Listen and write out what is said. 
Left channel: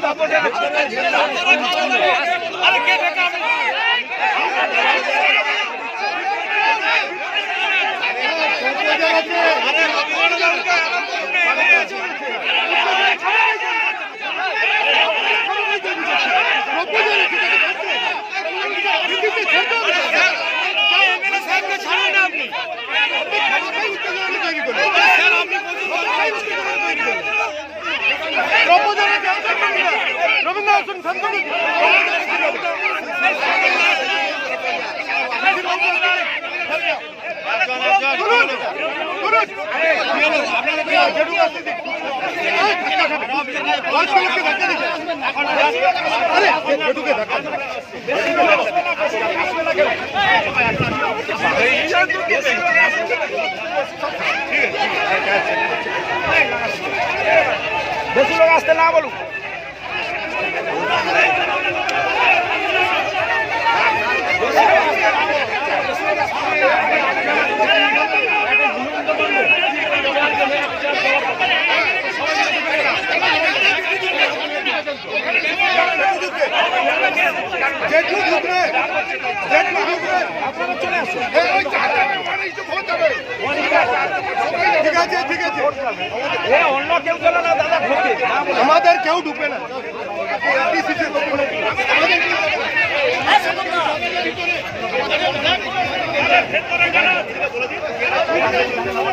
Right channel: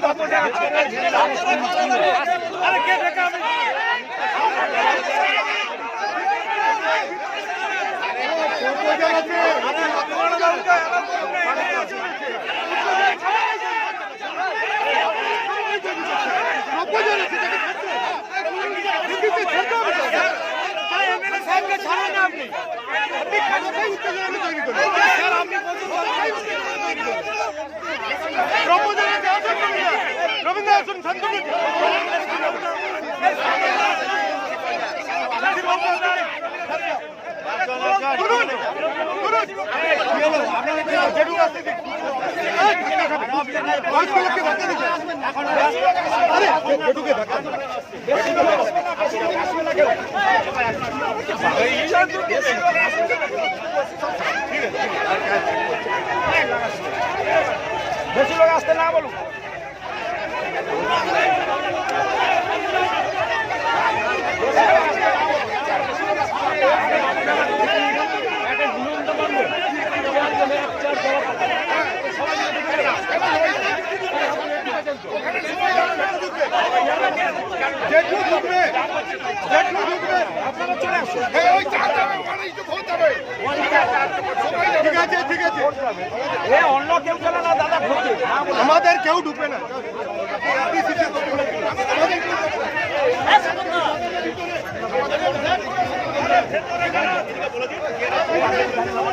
শান্ত তুলুন তুলুন জেডু আসতে দিন এই, বেশি লোক আসতে না বলুন জেঠু ঢুকবে জেঠু ঢুকবে আপনারা চলে আসুন। ঠিক আছে ঠিক আছে। অন্য কেউ ঢুকতে আমাদের কেউ ঢুকবে না।